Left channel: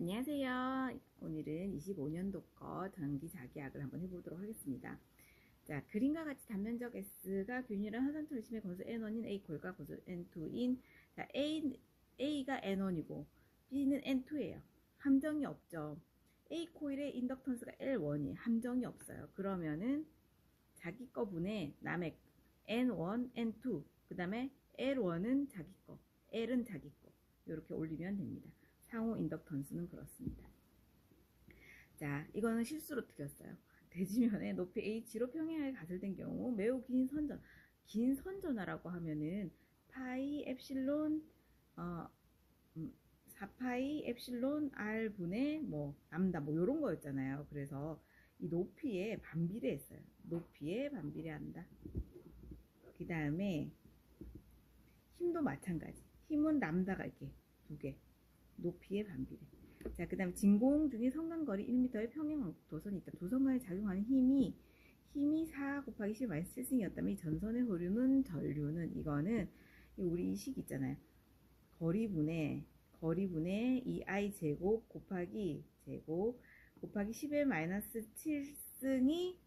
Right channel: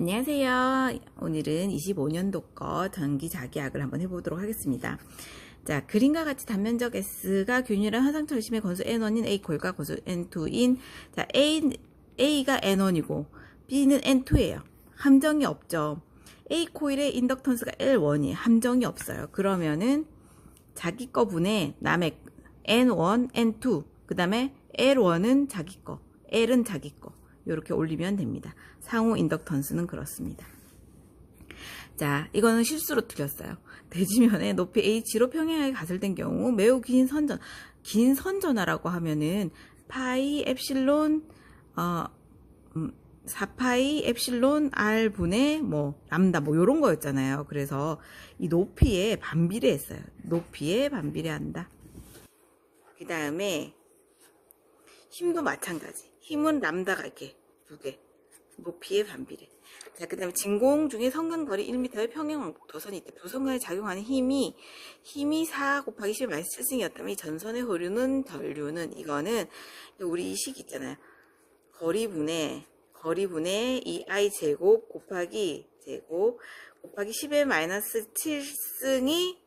안녕하세요. 오늘은 25년도 거 전기 자기약을 한번 해보도록 하겠습니다. 자, 그림과 같이 단면적 S가 균일한 화상철심의 건수 N1인 A콜과 건수 N2인 자, A가 N1이고 B는 N2예요. 함정이 없죠. A코일의 인덕턴스가 L1이에요. 함정이 없어요. 그러면은 자기 거 분의 남의 N1, N2 그 다음에 L1은 자기 거, L은 자기 거 이렇게 올리면 됩니다. 상호 인덕턴스는 그렇습니다. 자, 이거는 실수로 틀렸어요. 대지면에 높이 H로 평행하게 가설된 경우 매우 긴 선전하라고 하면은 파이 엡실론 4파이 엡실론 R 분의 뭐 람다 뭐 요런 거였잖아요. 그래서 이 높이에 반비례했어요. 높이에 반비례한다. 그 다음에 힘도 마찬가지. 힘은 람다가 이렇게 두 개. 높이의 반비례. 자, 그 다음에 진공 중에 성근거리 1m의 평행 도선이 있다. 두 선간에 작용하는 힘이 4 곱하기 10-7승이었다면 이 전선의 흐르는 전류는 이거는 우리 이 식 있잖아요. 거리분의 이 I 제곱 곱하기 10의 마이너스 7승이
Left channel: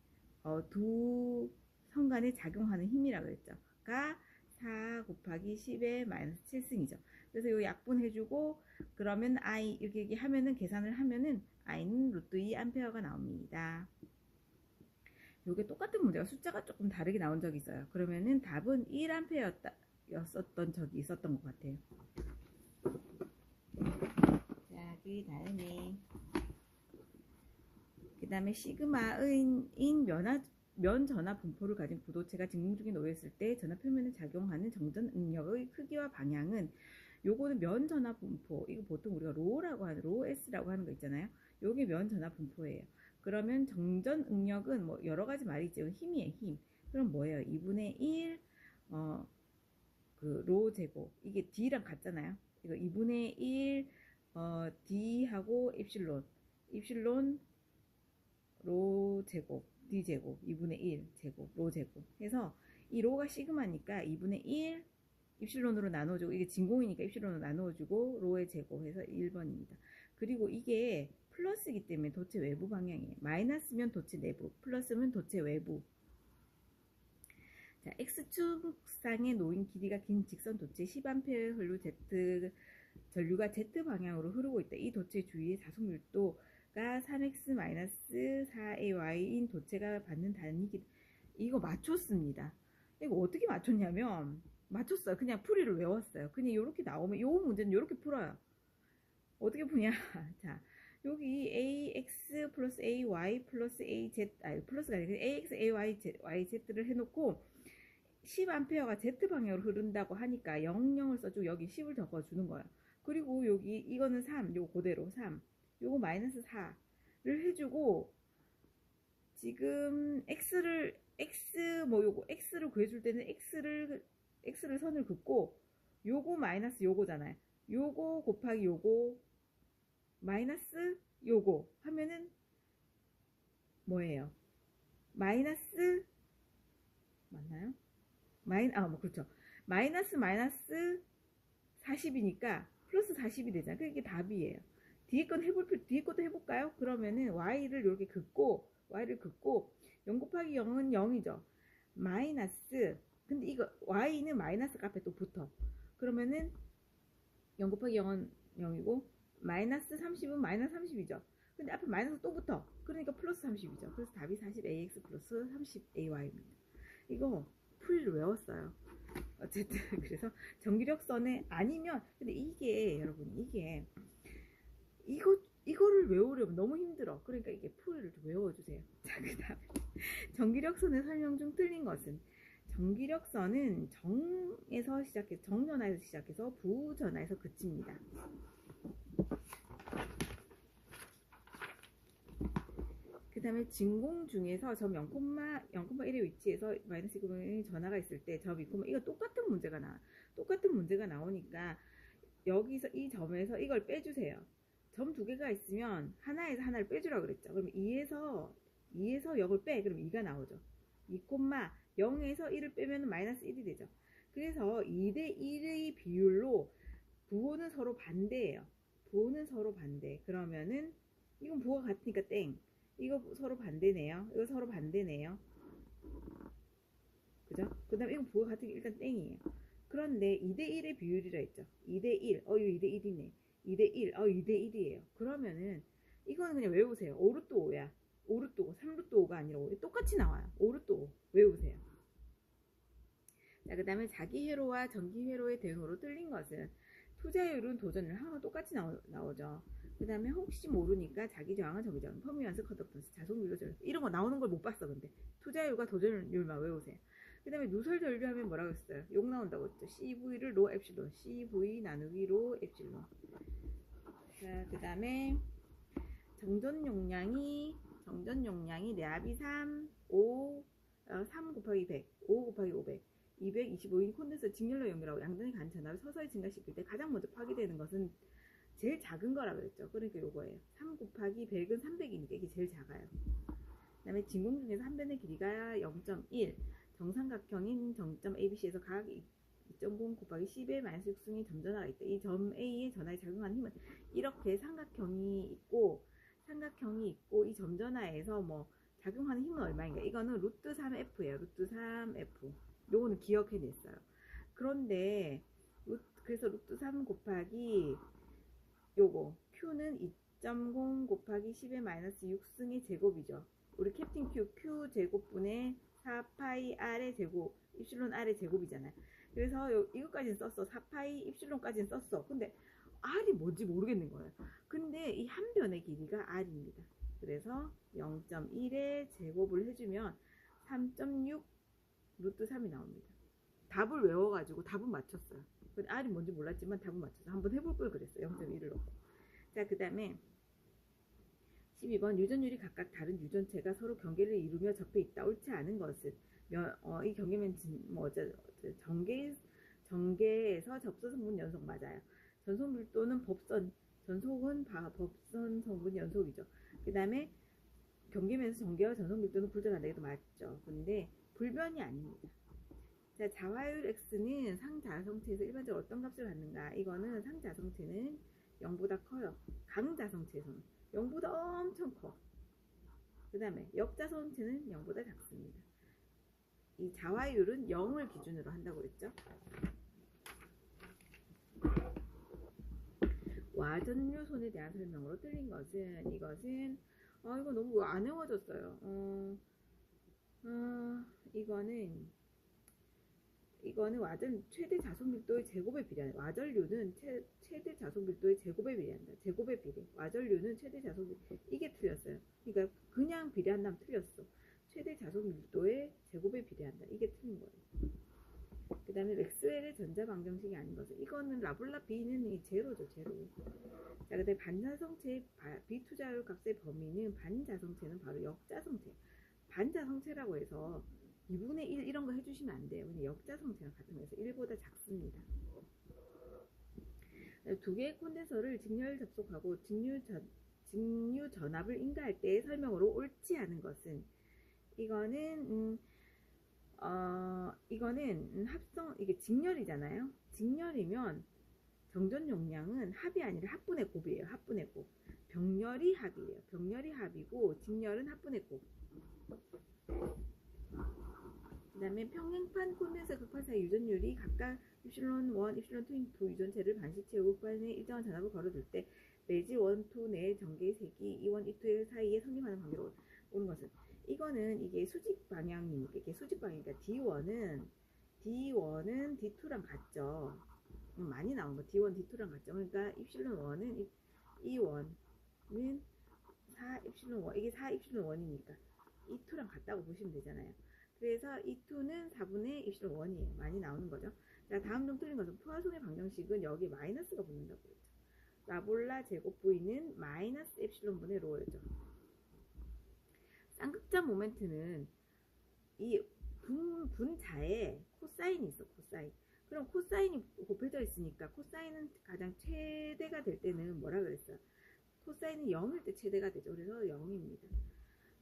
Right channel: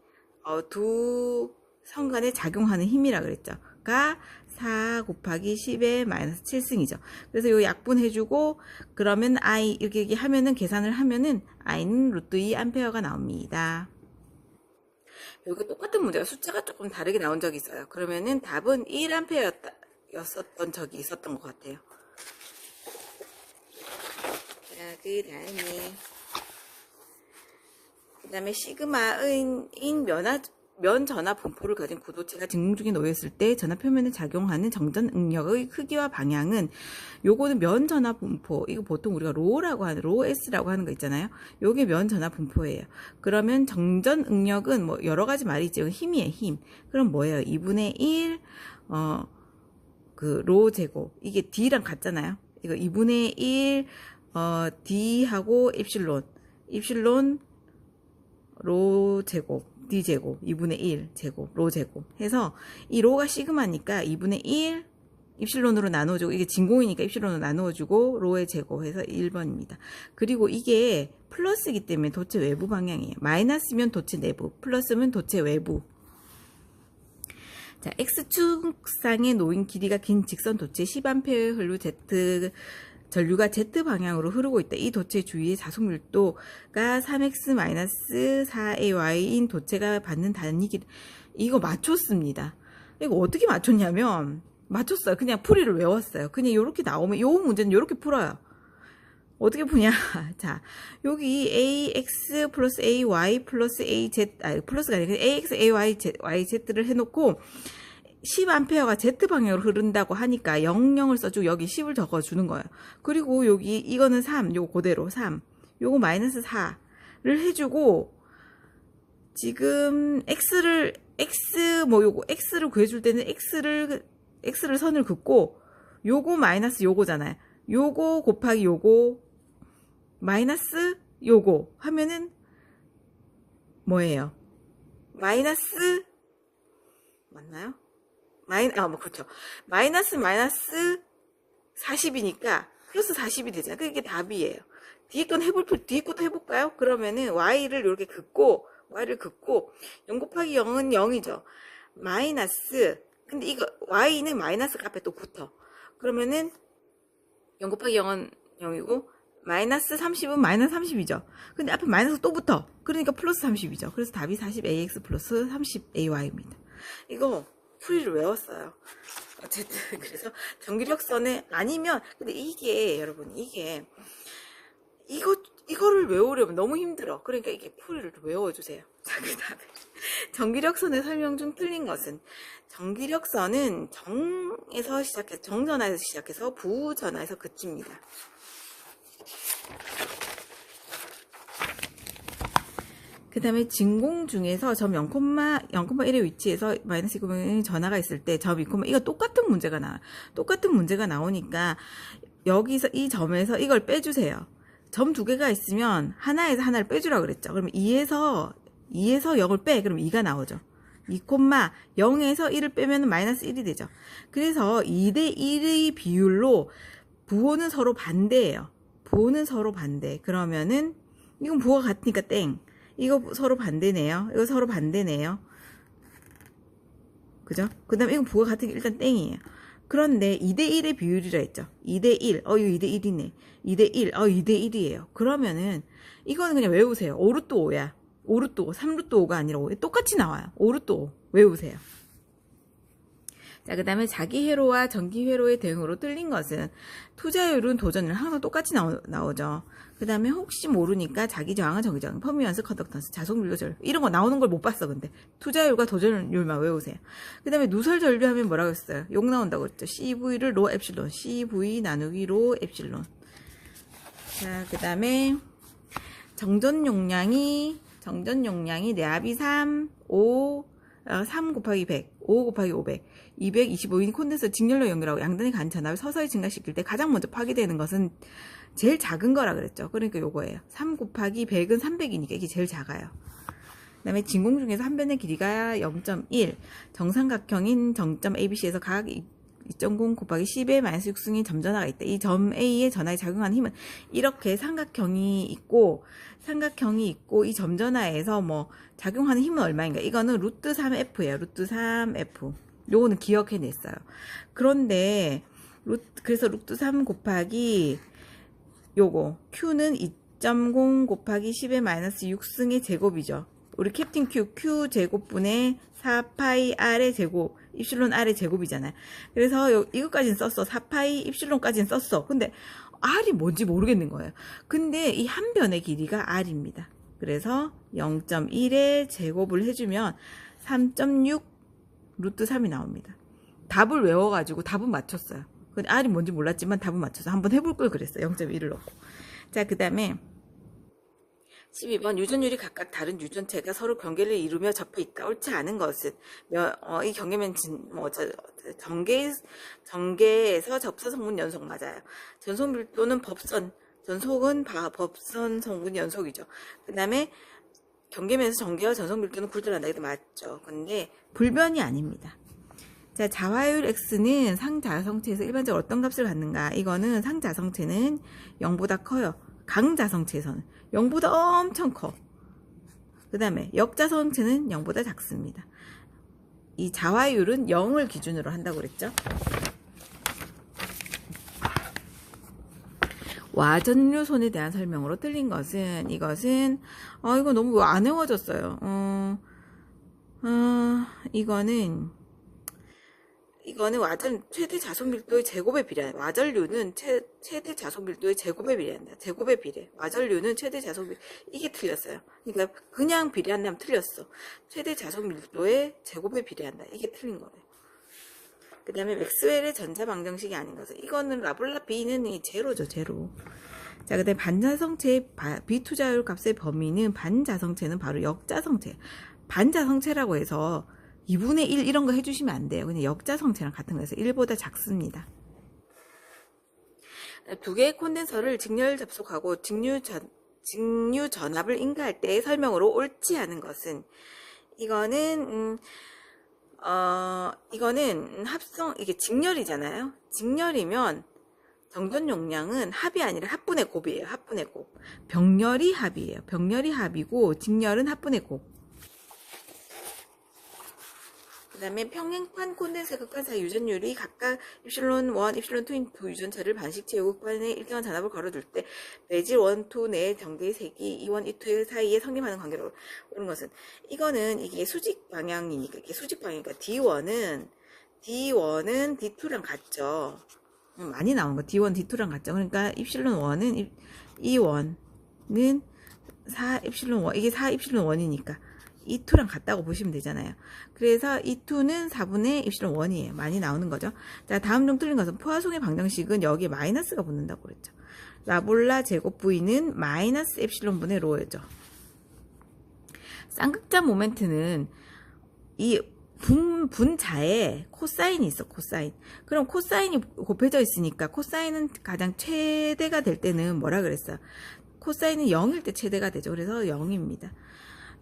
두 선간에 작용하는 힘이라 그랬죠. 가 4 곱하기 10의 마이너스 7승이죠. 그래서 요 약분해주고 그러면 I 이렇게 하면은 계산을 하면은 I는 루트 2 암페어가 나옵니다. 여기 똑같은 문제가 숫자가 조금 다르게 나온 적이 있어요. 그러면은 답은 1 암페어였던 적이 있었던 것 같아요. 자, 그 다음에 시그마인 면 전하 분포를 가진 구도체가 진공 중에 놓였을 때 전하 표면에 작용하는 정전 응력의 크기와 방향은 요거는 면 전하 분포, 이거 보통 우리가 로 S라고 하는 거 있잖아요. 요게 면 전하 분포예요. 그러면 정전 응력은 뭐 여러 가지 말이 있죠. 힘이에요, 힘. 그럼 뭐예요? 2분의 1 그 로 제곱. 이게 D랑 같잖아요. 이거 2분의 1 D하고 입실론 로 제곱 D 제곱 2분의 1 제곱 로 제곱 해서 이 로가 시그마니까 2분의 1 입실론으로 나누어주고 이게 진공이니까 입실론으로 나누어주고 로의 제곱해서 1번입니다. 그리고 이게 플러스이기 때문에 도체 외부 방향이에요. 마이너스면 도체 내부, 플러스면 도체 외부. 자, X축상에 놓인 길이가 긴 직선 도체 10A의 흘루 전류가 Z 방향으로 흐르고 있다. 이 도체 주위의 자속 밀도가 3x-4ay인 도체가 받는 단위기. 이거 맞췄습니다. 이거 어떻게 맞췄냐면 맞췄어요. 그냥 풀이를 외웠어요. 그냥 이렇게 나오면 이 문제는 이렇게 풀어요. 어떻게 푸냐? 자, 여기 ax 플러스 ay 플러스 az 플러스가 아니라 ax ay yz를 해놓고 10A가 Z방향으로 흐른다고 하니까 00을 써주고 여기 10을 적어주는 거예요. 그리고 여기 이거는 3, 요거 그대로 3, 요거 마이너스 4를 해주고 지금 X를 구해줄 때는 X를 선을 긋고 요거 마이너스 요거잖아요. 요거 곱하기 요거 마이너스 요거 하면은 뭐예요? 마이너스 맞나요? 그렇죠. 마이너스 40이니까 플러스 40이 되잖아요. 그게 답이에요. 뒤에 것도 해볼까요? 그러면은 y를 이렇게 긋고 0 곱하기 0은 0이죠. 마이너스 근데 이거 y는 마이너스가 앞에 또 붙어. 그러면은 0 곱하기 0은 0이고 마이너스 30은 마이너스 30이죠. 근데 앞에 마이너스 또 붙어. 그러니까 플러스 30이죠. 그래서 답이 40ax 플러스 30ay입니다. 이거 풀이를 외웠어요. 어쨌든 그래서 전기력선에 아니면 근데 이게 여러분 이거를 외우려면 너무 힘들어. 그러니까 이게 풀이를 외워주세요. 자, 그다음에 전기력선의 설명 중 틀린 것은 전기력선은 정전화에서 시작해서 부전화에서 그칩니다. 그 다음에 진공 중에서 점 0,1의 위치에서 마이너스 2,0의 전하가 있을 때 점 2, 이거 똑같은 문제가 나오니까 여기서 이 점에서 이걸 빼주세요. 점 두 개가 있으면 하나에서 하나를 빼주라 그랬죠. 그러면 2에서 0을 빼. 그럼 2가 나오죠. 2,0에서 1을 빼면 마이너스 1이 되죠. 그래서 2대 1의 비율로 부호는 서로 반대예요. 부호는 서로 반대. 그러면은 이건 부호가 같으니까 땡. 이거 서로 반대네요. 이거 서로 반대네요. 그죠? 그 다음에 이건 부호가 같으니까 일단 땡이에요. 그런데 2대1의 비율이라 했죠. 2대1. 이거 2대1이네. 2대1. 2대1이에요. 그러면은 이거는 그냥 외우세요. 5루트 5야. 5루트 5. 3루트 5가 아니라 5. 똑같이 나와요. 5루트 5. 외우세요. 자, 그 다음에 자기 회로와 정기 회로의 대응으로 틀린 것은 투자율은 도전을 항상 똑같이 나오죠. 그 다음에 혹시 모르니까 자기 저항은 정기 저항, 퍼미언스, 컨덕턴스, 자속 물류절 이런 거 나오는 걸 못 봤어. 근데 투자율과 도전율만 외우세요. 그 다음에 누설 전류하면 뭐라고 했어요? 욕 나온다고 했죠. CV를 로 엡실론, CV 나누기 로 엡실론. 자, 그 다음에 정전 용량이 내압이 3, 5, 3 곱하기 100, 5 곱하기 500, 225인 콘덴서 직렬로 연결하고 양단의 간 전압을 서서히 증가시킬 때 가장 먼저 파괴되는 것은 제일 작은 거라 그랬죠. 그러니까 요거예요. 3 곱하기 100은 300이니까 이게 제일 작아요. 그 다음에 진공 중에서 한 변의 길이가 0.1, 정삼각형인 정점 ABC에서 각 2.0 곱하기 10의 마이너스 6승인 점전하가 있다. 이 점 A의 전하에 작용하는 힘은 이렇게 삼각형이 있고 이 점전하에서 뭐 작용하는 힘은 얼마인가? 이거는 루트 3F예요. 루트 3F. 요거는 기억해냈어요. 그런데 그래서 루트 3 곱하기 요거 Q는 2.0 곱하기 10의 마이너스 6승의 제곱이죠. 우리 캡틴 Q 제곱분의 4파이 R의 제곱, 입실론 R의 제곱이잖아요. 그래서 이것까지는 썼어. 4파이 입실론까지는 썼어. 근데 R이 뭔지 모르겠는 거예요. 근데 이 한 변의 길이가 R입니다. 그래서 0.1의 제곱을 해주면 3.6 루트 3이 나옵니다. 답을 외워가지고 답은 맞췄어요. 근데 R이 뭔지 몰랐지만 답은 맞춰서 한번 해볼 걸 그랬어요. 0.1을 넣고. 자, 그 다음에 12번 유전율이 각각 다른 유전체가 서로 경계를 이루며 접해 있다. 옳지 않은 것은 이 경계면 전개에서 접사 성분 연속 맞아요. 전속 밀도는 전속은 법선 성분 연속이죠. 그 다음에 경계면에서 전개와 전속 밀도는 굴절한다. 이게 맞죠. 근데 불변이 아닙니다. 자, 자화율 X는 상자성체에서 일반적으로 어떤 값을 갖는가? 이거는 상자성체는 0보다 커요. 강자성체에서는 0보다 엄청 커. 그 다음에 역자성체는 0보다 작습니다. 이 자화율은 0을 기준으로 한다고 그랬죠. 와전류손에 대한 설명으로 틀린 것은 이것은 이거 너무 안 외워졌어요. 이거는 와전 최대 자속 밀도의 제곱에 비례한다. 와전류는 최대 자속 밀도의 제곱에 비례한다. 제곱에 비례. 와전류는 최대 자속 밀도 이게 틀렸어요. 그러니까 그냥 비례한다면 틀렸어. 최대 자속 밀도의 제곱에 비례한다. 이게 틀린 거예요. 그 다음에 맥스웰의 전자 방정식이 아닌 것은 이거는 라블라 B는 이 제로죠. 제로. 자, 그 다음에 반자성체의 비투자율 값의 범위는 반자성체는 바로 역자성체. 반자성체라고 해서 2분의 1 이런 거 해주시면 안 돼요. 그냥 역자성체랑 같은 거여서 1보다 작습니다. 두 개의 콘덴서를 직렬 접속하고 직류 전압을 인가할 때의 설명으로 옳지 않은 것은 이거는 합성 이게 직렬이잖아요. 직렬이면 정전 용량은 합이 아니라 합분의 곱이에요. 합분의 곱. 병렬이 합이에요. 병렬이 합이고 직렬은 합분의 곱. 그 다음에 평행판 콘덴서 극판 사이 유전율이 각각 입실론 1, 입실론 2인 두 유전체를 반씩 채우고 극판에 일정한 전압을 걸어둘 때 매질 1, 2 내의 전개의 색이 2, 1, 2 사이에 성립하는 관계로 오는 것은 이거는 이게 수직 방향이니까 이게 수직 방향이니까 D1은 D2랑 같죠. 많이 나오는 거 D1, D2랑 같죠. 그러니까 입실론 1은 E1은 4 입실론 1 이게 4 입실론 1이니까 E2랑 같다고 보시면 되잖아요. 그래서 E2는 4분의 입실론 1이에요. 많이 나오는 거죠. 자, 다음 중 틀린 것은 포화송의 방정식은 여기에 마이너스가 붙는다고 그랬죠. 라볼라 제곱 V는 마이너스 엡실론 분의 로였죠. 쌍극자 모멘트는 이 분자에 코사인이 있어. 코사인. 그럼 코사인이 곱해져 있으니까 코사인은 가장 최대가 될 때는 뭐라 그랬어요? 코사인은 0일 때 최대가 되죠. 그래서 0입니다.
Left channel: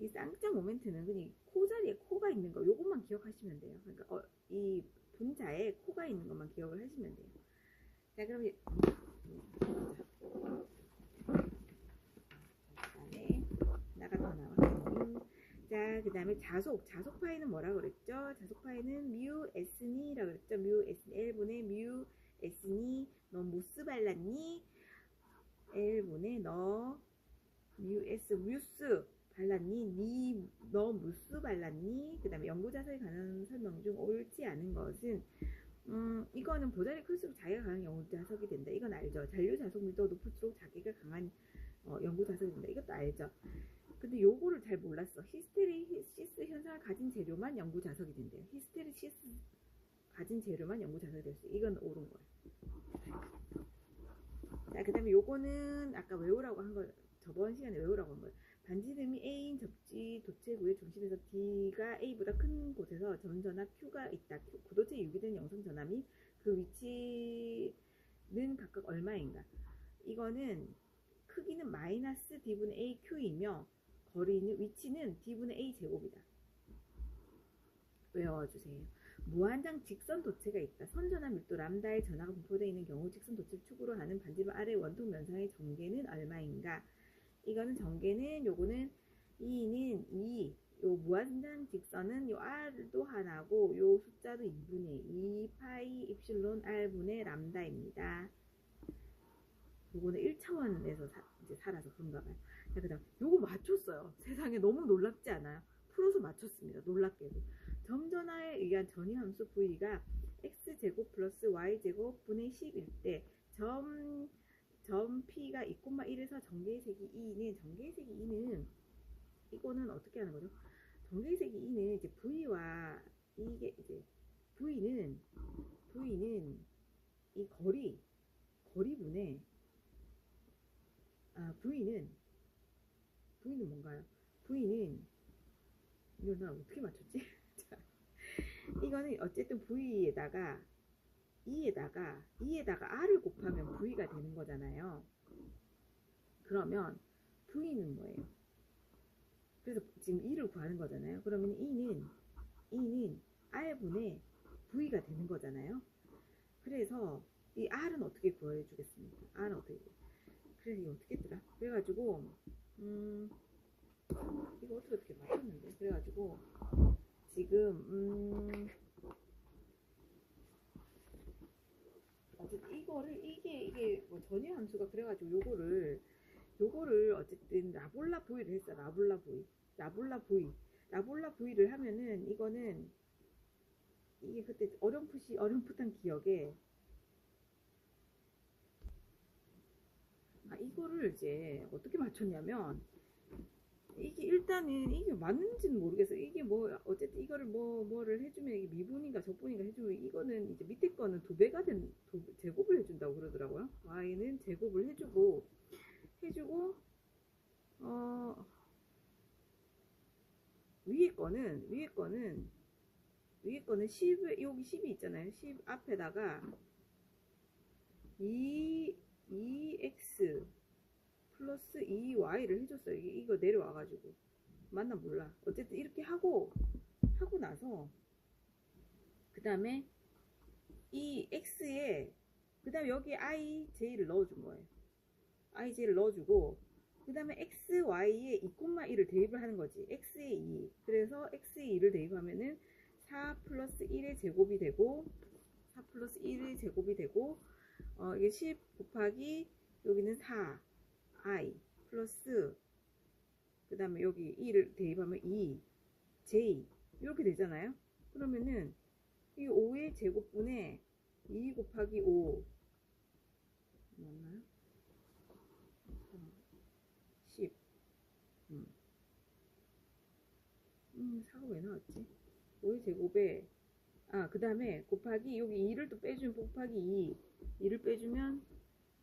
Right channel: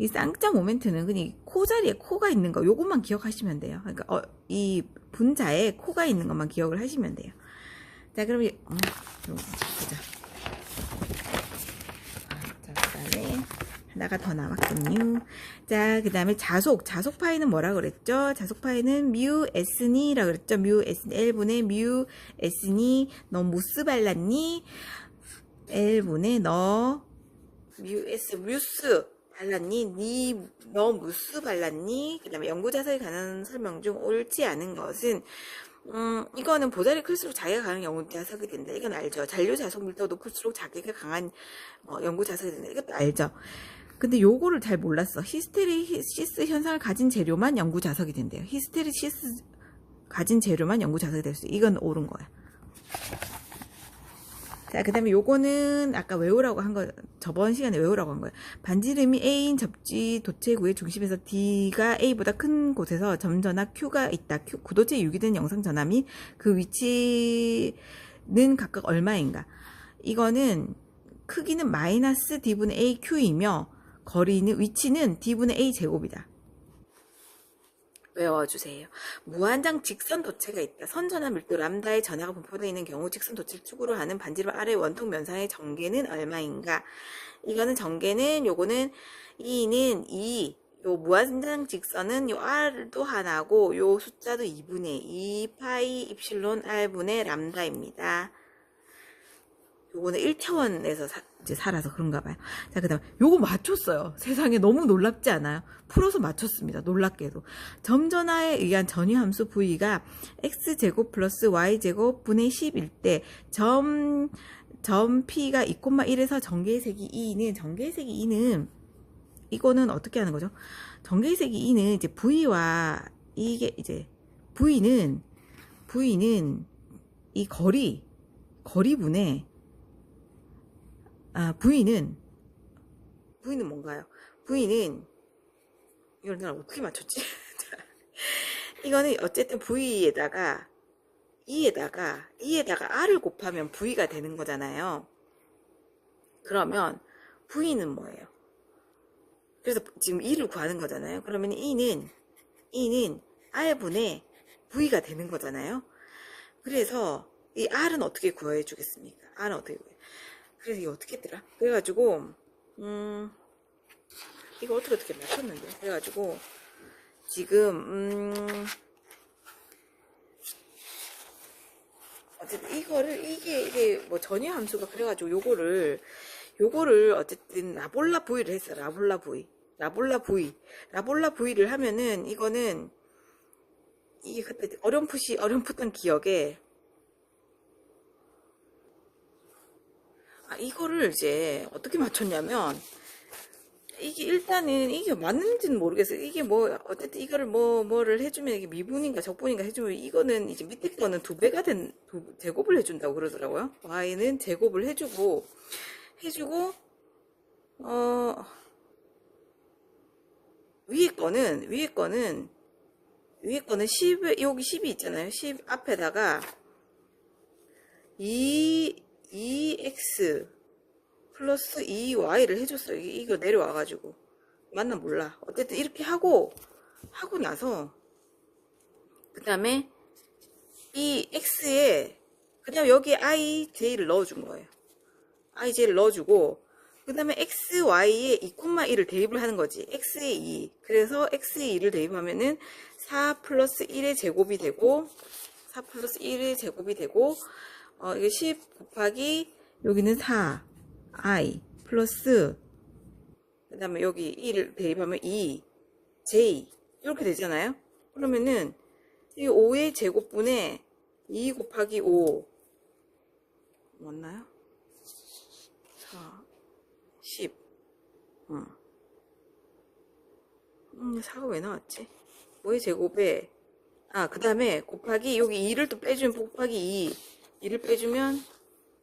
이 쌍극자 모멘트는 그냥 코 자리에 코가 있는 거 요것만 기억하시면 돼요. 그러니까 이 분자에 코가 있는 것만 기억을 하시면 돼요. 자, 그럼 보자. 하나가 더 남았군요. 자, 그 다음에 자속 파이는 뭐라 그랬죠? 자속 파이는 뮤 S니라 그랬죠? 뮤 S L분의 뮤 S니 너 무스 발랐니? L분의 너 뮤스 발랐니? 너 무스 발랐니? 그 다음에 연구자석에 관한 설명 중 옳지 않은 것은 이거는 보살이 클수록 자기가 강한 연구자석이 된다. 이건 알죠. 잔류 자석 밀도가 높을수록 자기가 강한 연구 자석이 된다. 이것도 알죠. 근데 요거를 잘 몰랐어. 히스테리시스 현상을 가진 재료만 연구 자석이 된대요. 히스테리시스 가진 재료만 연구 자석이 될 수 있어. 이건 옳은 거야. 자, 그 다음에 요거는 아까 외우라고 한 거, 저번 시간에 외우라고 한 거예요. 반지름이 A인 접지 도체구의 중심에서 D가 A보다 큰 곳에서 점전압 Q가 있다. 구도체에 유기된 영상 전압 및 그 위치는 각각 얼마인가. 이거는 크기는 마이너스 D분의 A Q이며 위치는 D분의 A 제곱이다. 외워주세요. 무한장 직선 도체가 있다. 선전압 밀도 람다의 전하가 분포되어 있는 경우 직선 도체를 축으로 하는 반지름 아래 원통 면상의 전개는 얼마인가? 이거는 전개는 요거는 E는 2. 요 무한장 직선은 요 R도 하나고 요 숫자도 2분의 2 파이 입실론 R분의 람다입니다. 요거는 1차원에서 이제 살아서 그런가 봐요. 자, 그 다음 요거 맞췄어요. 세상에 너무 놀랍지 않아요? 풀어서 맞췄습니다. 놀랍게도. 점전하에 의한 전위함수 V가 X제곱 플러스 Y제곱 분의 10일 때 점 P가 2,1에서 전개의 색이 2는 이거는 어떻게 하는 거죠? 전개의 색이 2는 이제 V와 이게 이제 V는 이 거리분의 V는 뭔가요? V는 이걸 내가 어떻게 맞췄지? 이거는 어쨌든 V에다가 E에다가 R을 곱하면 V가 되는 거잖아요. 그러면 V는 뭐예요? 그래서 지금 E를 구하는 거잖아요. 그러면 E는 R분의 V가 되는 거잖아요. 그래서 이 R은 어떻게 구해 주겠습니까? R은 어떻게 구해? 그래서 이거 어떻게 했더라? 그래가지고 이거 어떻게 맞췄는데? 그래가지고 지금 어쨌든 이게 뭐 전위 함수가 그래가지고 요거를 어쨌든 라볼라 V를 했어. 라볼라 V를 하면은 이거는 이게 그때 어렴풋한 기억에 이거를 이제 어떻게 맞췄냐면 이게 일단은 이게 맞는지는 모르겠어요. 이게 뭐 어쨌든 이거를 뭐를 해주면 이게 미분인가 적분인가 해주면 이거는 이제 밑에 거는 2배가 된 제곱을 해준다고 그러더라고요. y는 제곱을 해주고 위에 거는 10 여기 10이 있잖아요. 10 앞에다가 2x 플러스 2y를 해줬어요. 이거 내려와가지고 맞나 몰라. 어쨌든 이렇게 하고 나서 그 다음에 이 x에 그 다음에 여기에 ij를 넣어준 거예요. ij를 넣어주고 그 다음에 xy에 2,1을 대입을 하는 거지. x에 2. 그래서 x에 2를 대입하면은 4 플러스 1의 제곱이 되고 이게 10 곱하기 여기는 4 i 플러스 그 다음에 여기 1을 대입하면 2 j 이렇게 되잖아요. 그러면은 이 5의 제곱분에 2 곱하기 5 맞나요? 4 10 4가 왜 나왔지? 5의 제곱에 그 다음에 곱하기 여기 2를 또 빼주면 곱하기 2를 빼주면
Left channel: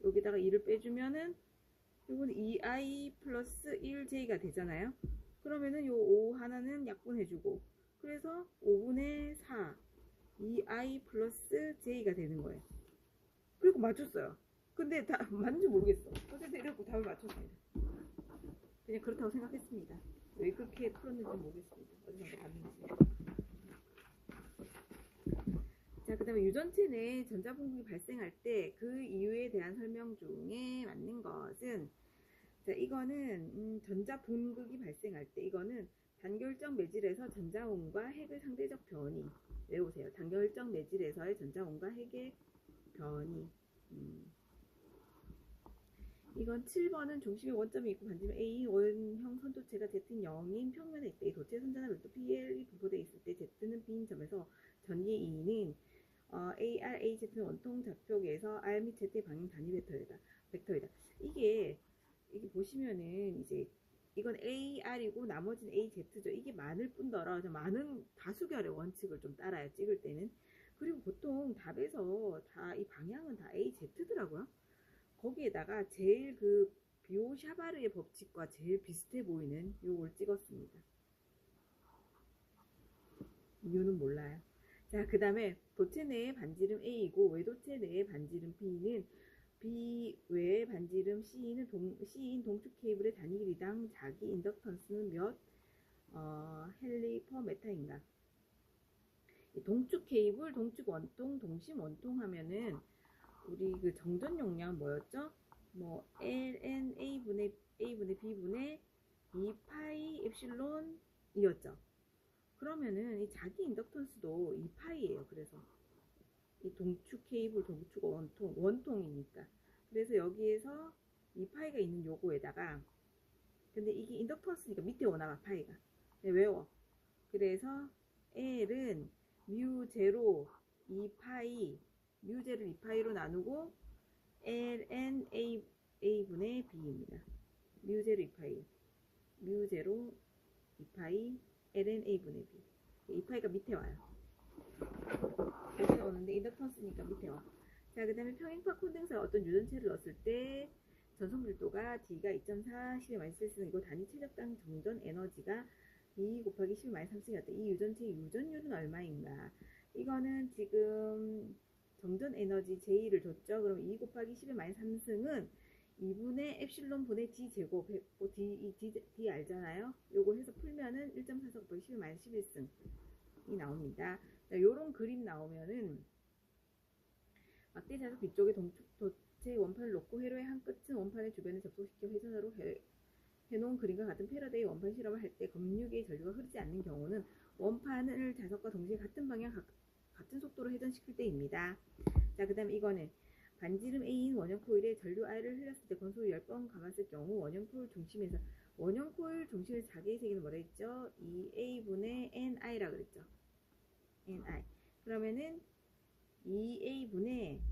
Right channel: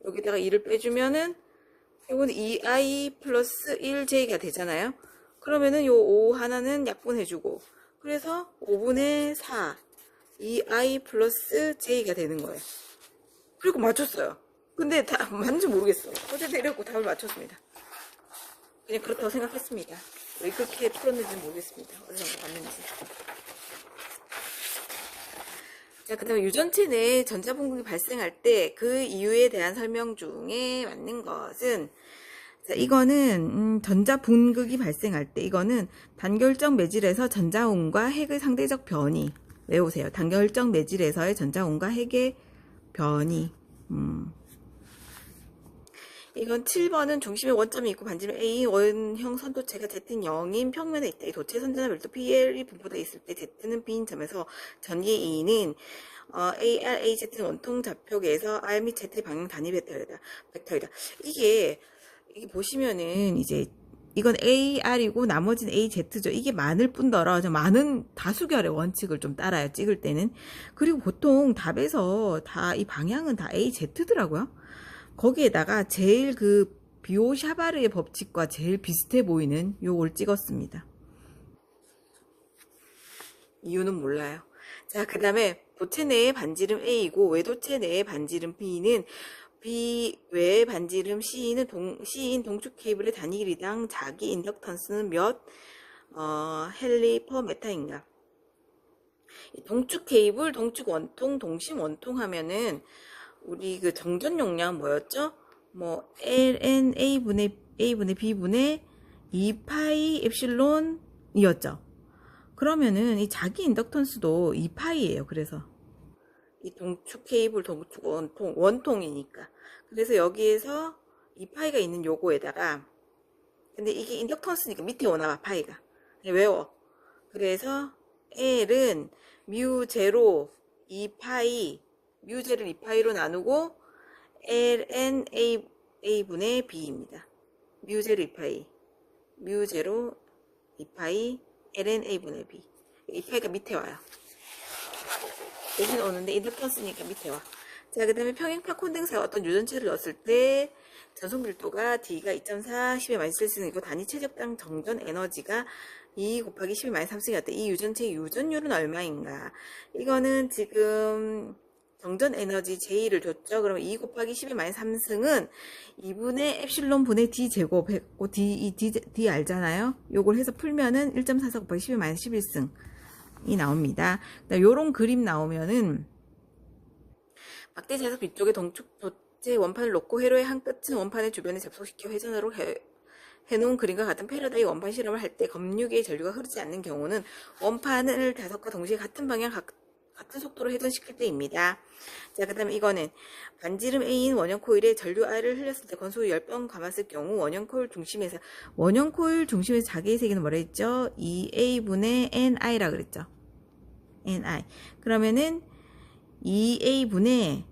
여기다가 2를 빼주면은 이거는 2i 플러스 1j가 되잖아요. 그러면은 요 5 하나는 약분해주고 그래서 5분의 4 2i 플러스 j가 되는 거예요. 그리고 맞췄어요. 근데 다 맞는지 모르겠어. 어쨌든 이렇게 답을 맞췄습니다. 그냥 그렇다고 생각했습니다. 왜 그렇게 풀었는지 모르겠습니다. 어디서 봤는지. 자, 그 다음에 유전체 내에 전자분극이 발생할 때 그 이유에 대한 설명 중에 맞는 것은 자, 이거는 전자 분극이 발생할 때 이거는 단결적 매질에서 전자운과 핵의 상대적 변이. 외우세요. 단결적 매질에서의 전자운과 핵의 변이. 이건 7번은 중심에 원점이 있고 반지름 A 원형 선도체가 Z는 0인 평면에 있다. 이 도체 선전화 별도 PL이 분포되어 있을 때 Z는 B인 점에서 전개 E는 AR, AZ는 원통 좌표계에서 R 및 Z의 방향 단위 벡터이다. 이게 보시면은 이제 이건 AR이고 나머지는 AZ죠. 이게 많을 뿐더러 많은 다수결의 원칙을 좀 따라요. 찍을 때는. 그리고 보통 답에서 다 이 방향은 다 AZ더라고요. 거기에다가 제일 그 비오샤바르의 법칙과 제일 비슷해 보이는 요걸 찍었습니다. 이유는 몰라요. 자, 그 다음에 도체 내의 반지름 A이고 외도체 내의 반지름 B는 B 외의 반지름 C인 동축 케이블의 단위 길이당 자기 인덕턴스는 몇 헨리 퍼 메타인가? 동축 케이블, 동축 원통, 동심 원통 하면은 우리 그 정전 용량 뭐였죠? 뭐 ln a분의 b분의 2파이 엡실론이었죠. 그러면은 이 자기 인덕턴스도 2파이예요. 그래서 이 동축 케이블, 동축 원통이니까. 그래서 여기에서 2파이가 있는 요거에다가 근데 이게 인덕턴스니까 밑에 오나봐 파이가. 외워. 그래서 L은 뮤 제로 2파이 뮤 제를 2파이로 나누고 ln a분의 b입니다. 뮤 제로 2파이 뮤 제로 2파이 ln a분의 b 2파이가 밑에 와요. 대신 오는데 인덕턴스니까 밑에 와. 자, 그 다음에 평행파 콘덴서에 어떤 유전체를 넣었을 때 전송 밀도가 D가 2.4 10의 마이너스 1승이고 단위 최적당 정전 에너지가 2 곱하기 10의 마이너스 3승이었다. 이 유전체의 유전율은 얼마인가? 이거는 지금 정전 에너지 J를 줬죠. 그러면 2 곱하기 10의 마이너스 3승은 2분의 엡실론 분의 D 제곱 했고 D 알잖아요. 요걸 해서 풀면은 1.44 곱하기 10의 마이너스 11승이 나옵니다. 요런 그림 나오면은 막대 자석 뒤쪽에 동축 도체 원판을 놓고 회로의 한 끝은 원판의 주변에 접속시켜 회전으로 해놓은 그림과 같은 패러다이 원판 실험을 할 때 검유계의 전류가 흐르지 않는 경우는 원판을 자석과 동시에 같은 방향 같은 속도로 회전시킬 때입니다. 자, 그 다음에 이거는 반지름 A인 원형 코일에 전류 I를 흘렸을 때 건수 10번 감았을 경우 원형 코일 중심에서 자기의 세기는 뭐라 했죠? 2A분의 NI라 그랬죠. NI. 그러면은 2A분의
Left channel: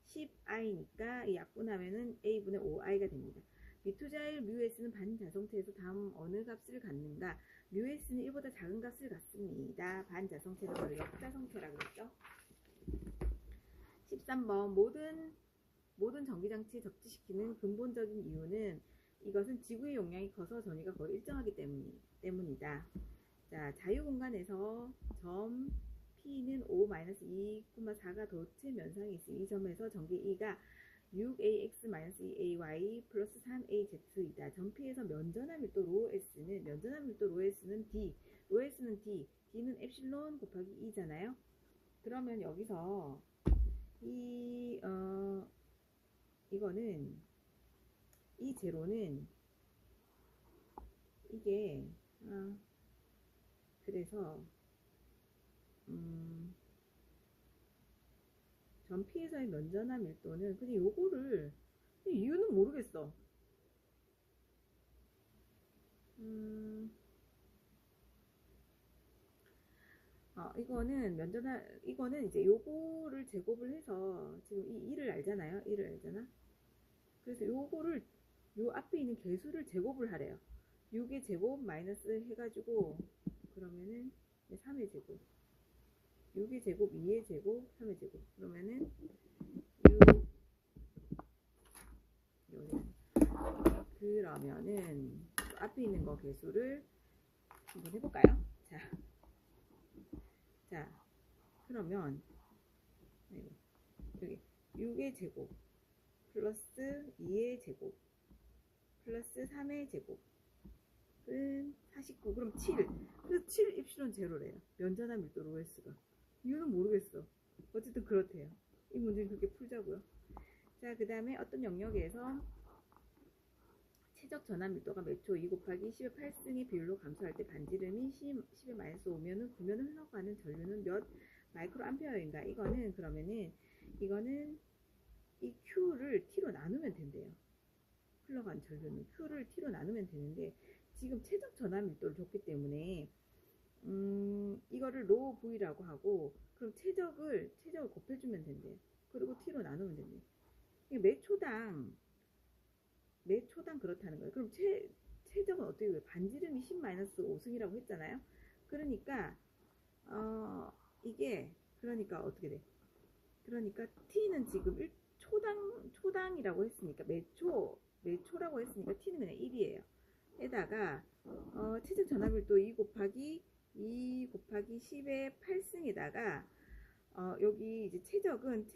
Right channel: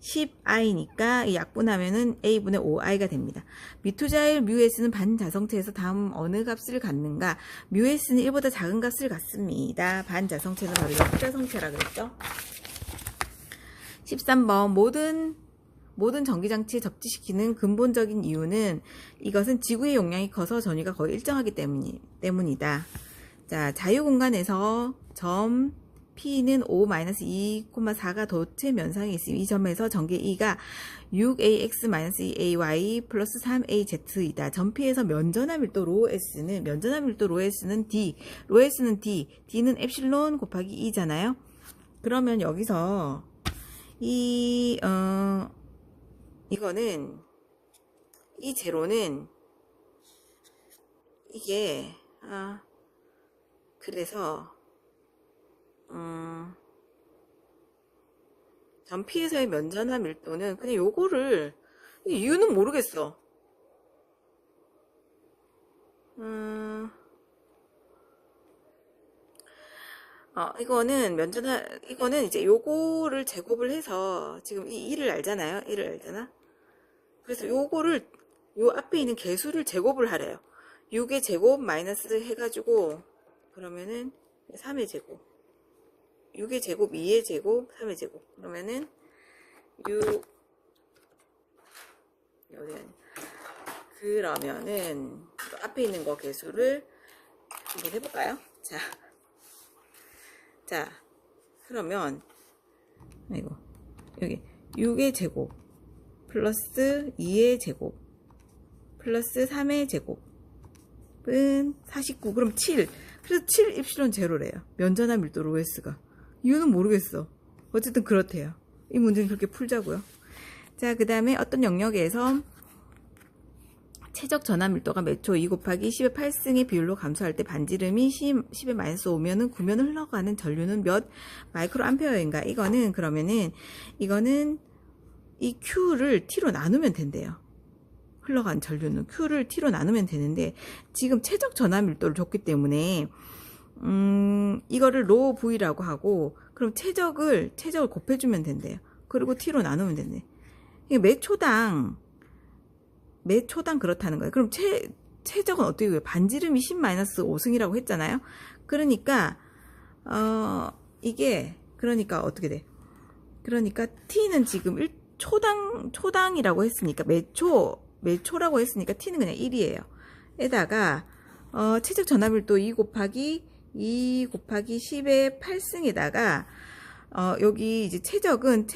10i니까 약분하면은 A분의 5i가 됩니다. 미투자일 뮤S는 반자성체에서 다음 어느 값을 갖는가? 뮤S는 1보다 작은 값을 갖습니다. 반자성체는 바로 역자성체라 그랬죠. 13번 모든 전기장치에 접지시키는 근본적인 이유는 이것은 지구의 용량이 커서 전위가 거의 일정하기 때문이다. 자, 자유공간에서 점 P는 5-2,4가 도체 면상에 있으며 이 점에서 전개 E가 6AX-2AY 플러스 3AZ이다. 점 P에서 면전화 밀도 로S는 D, 로S는 D, D는 엡실론 곱하기 2잖아요. 그러면 여기서 이거는 이 제로는 이게 그래서 점 P에서의 면전화 밀도는 그냥 요거를 이유는 모르겠어. 이거는 이제 요거를 제곱을 해서 지금 이 1을 알잖아요. 1을 알잖아. 그래서 요거를 요 앞에 있는 개수를 제곱을 하래요. 6의 제곱 마이너스 해가지고 그러면은 3의 제곱 6의 제곱 2의 제곱 3의 제곱 그러면은 6 그러면은 앞에 있는 거 개수를 한번 해볼까요? 자 그러면 여기 6의 제곱 플러스 2의 제곱 플러스 3의 제곱은 49 그럼 7 그래서 7 입실론 제로래요. 면전화 밀도 로S가 이유는 모르겠어. 어쨌든 그렇대요. 이 문제는 그렇게 풀자고요. 자, 그 다음에 어떤 영역에서 최적 전압 밀도가 매초 2 곱하기 10의 8승의 비율로 감소할 때 반지름이 10의 마이너스 5면은 구면을 흘러가는 전류는 몇 마이크로 암페어인가? 이거는 그러면은 이거는 이 Q를 T로 나누면 된대요. 흘러간 전류는 Q를 T로 나누면 되는데 지금 최적 전압 밀도를 줬기 때문에 이거를 로 V라고 하고 그럼 최적을 곱해주면 된대요. 그리고 T로 나누면 된대. 매 초당 그렇다는 거예요. 그럼 최적은 어떻게 해요? 반지름이 10-5승이라고 했잖아요. 그러니까 이게 그러니까 어떻게 돼? 그러니까 T는 지금 초당이라고 했으니까 매초라고 했으니까 T는 그냥 1이에요. 에다가 최적 전압밀도 2 곱하기 10의 8승에다가 여기 이제 최적은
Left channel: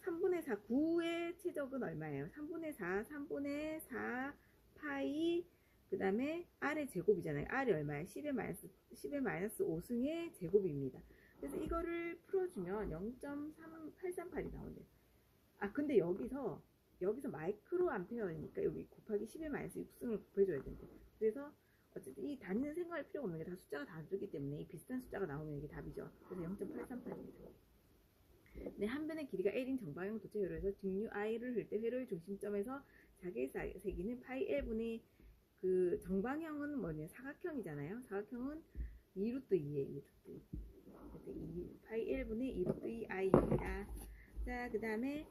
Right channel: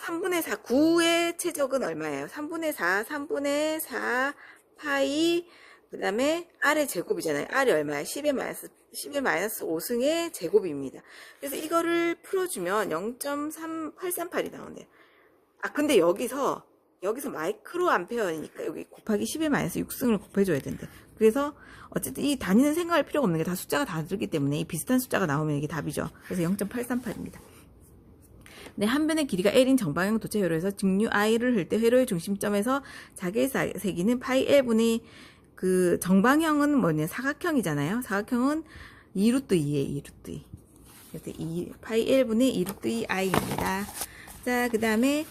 3분의 4 9의 최적은 얼마예요? 3분의 4 파이 그 다음에 R의 제곱이잖아요. R이 얼마예요? 10의 마이너스 5승의 제곱입니다. 그래서 이거를 풀어주면 0.3838이 나오네요. 근데 여기서 마이크로 암페어니까 여기 곱하기 10의 마이너스 6승을 곱해줘야 된대. 그래서 어쨌든 이 단위는 생각할 필요가 없는 게 다 숫자가 다르기 때문에 이 비슷한 숫자가 나오면 이게 답이죠. 그래서 0.838입니다. 네, 한 변의 길이가 L인 정방향 도체 회로에서 직류 I를 흘 때 회로의 중심점에서 자개색이는 파이 L분의 그 정방형은 뭐냐? 사각형이잖아요. 사각형은 2루트 2예요. 2루트 2. 그래서 파이 L분의 2루트 2 I입니다. 자, 그 다음에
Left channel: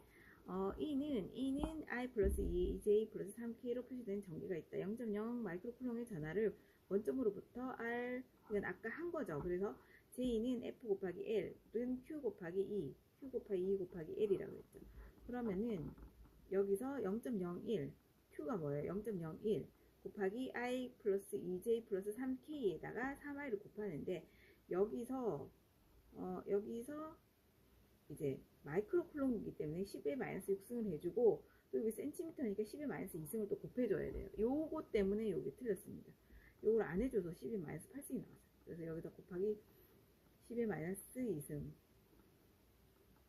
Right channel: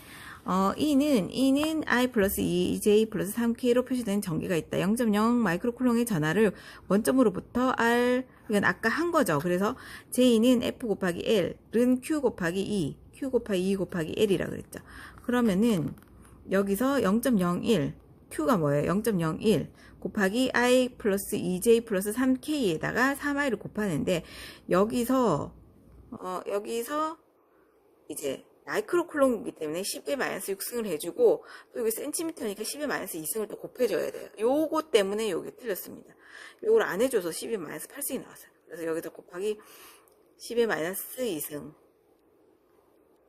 E는 I 플러스 2J 플러스 3K로 표시된 전기가 있다. 0.0 마이크로쿨롱의 전하를 원점으로부터 R, 이건 아까 한 거죠. 그래서 J는 F 곱하기 L은 Q 곱하기 2, Q 곱하기 2 곱하기 L이라 그랬죠. 그러면은 여기서 0.01, Q가 뭐예요? 0.01 곱하기 I 플러스 2J 플러스 3K에다가 3I를 곱하는데 여기서 이제 마이크로쿨롱이기 때문에 10의 마이너스 6승을 해주고 또 여기 센티미터니까 10의 마이너스 2승을 또 곱해줘야 돼요. 요거 때문에 요게 틀렸습니다. 요걸 안 해줘서 10의 마이너스 8승이 나왔어요. 그래서 여기서 곱하기 10의 마이너스 2승.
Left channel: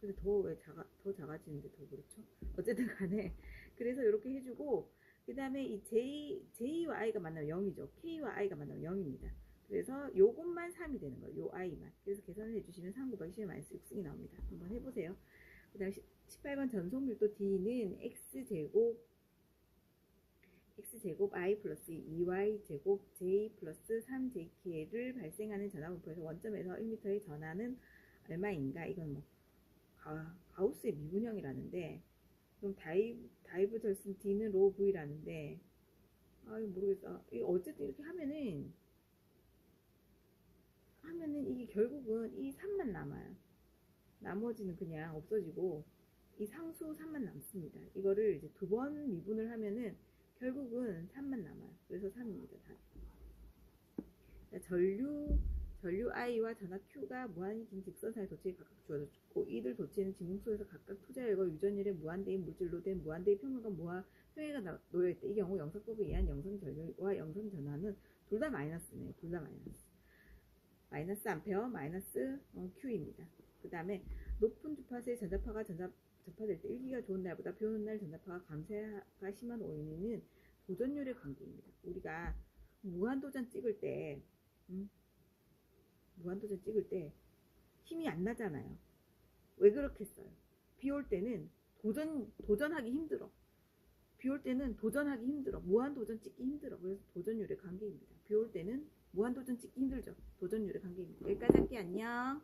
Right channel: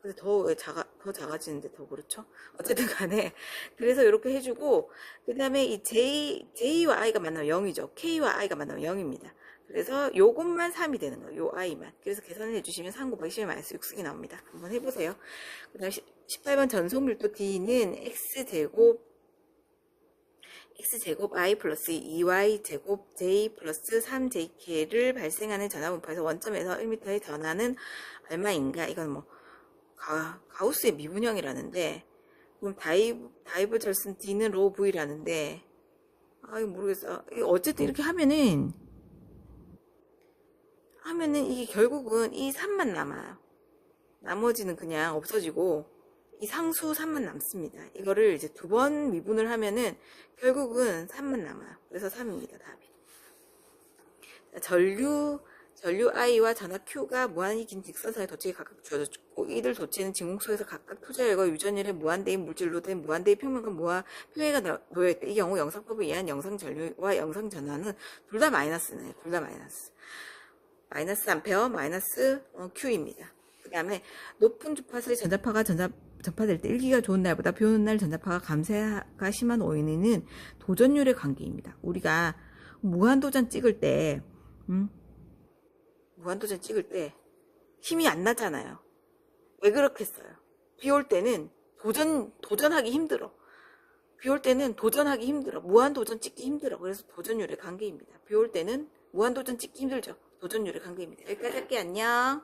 그래서 더 작아지는데 더 그렇죠? 어쨌든 간에 그래서 이렇게 해주고 그 다음에 이 J와 I가 만나면 0이죠. K와 I가 만나면 0입니다. 그래서 요것만 3이 되는 거예요. 요 I만. 그래서 계산을 해주시면 3 곱하기 10의 마이너스 6승이 나옵니다. 한번 해보세요. 그 다음에 18번 전속밀도 D는 X제곱 I 플러스 2Y 제곱 J 플러스 3JK를 발생하는 전하분포에서 원점에서 1m의 전하는 얼마인가? 이건 뭐 가우스의 미분형이라는데 그럼 다이버절슨 D는 로 V라는데 이거 모르겠어. 어쨌든 이렇게 하면은 이게 결국은 이 3만 남아요. 나머지는 그냥 없어지고 이 상수 3만 남습니다. 이거를 이제 2번 미분을 하면은 결국은 3만 남아요. 그래서 3입니다. 답이. 전류 I와 전하 Q가 무한히 긴 직선상의 도체에 각각 주어졌고 이들 도체는 진공 속에서 각각 표자열과 유전열의 무한대인 물질로 된 무한대의 평면과 표해가 놓여있다. 이 경우 영상법에 의한 영상 전류와 영상 전하는 둘 다 마이너스네. 둘 다 마이너스. 마이너스 암페어 마이너스 Q입니다. 그 다음에 높은 주파수의 전자파가 전파될 때 일기가 좋은 날보다 비 오는 날 전자파가 감쇄가 심한 원인은 도전율의 관계입니다. 우리가 무한도전 찍을 때 힘이 안 나잖아요. 왜 그렇겠어요? 비 올 때는 도전하기 힘들어. 무한도전 찍기 힘들어. 그래서 도전율의 관계입니다. 비 올 때는 무한도전 찍기 힘들죠. 도전율의 관계입니다. 여기까지 할게요. 안녕.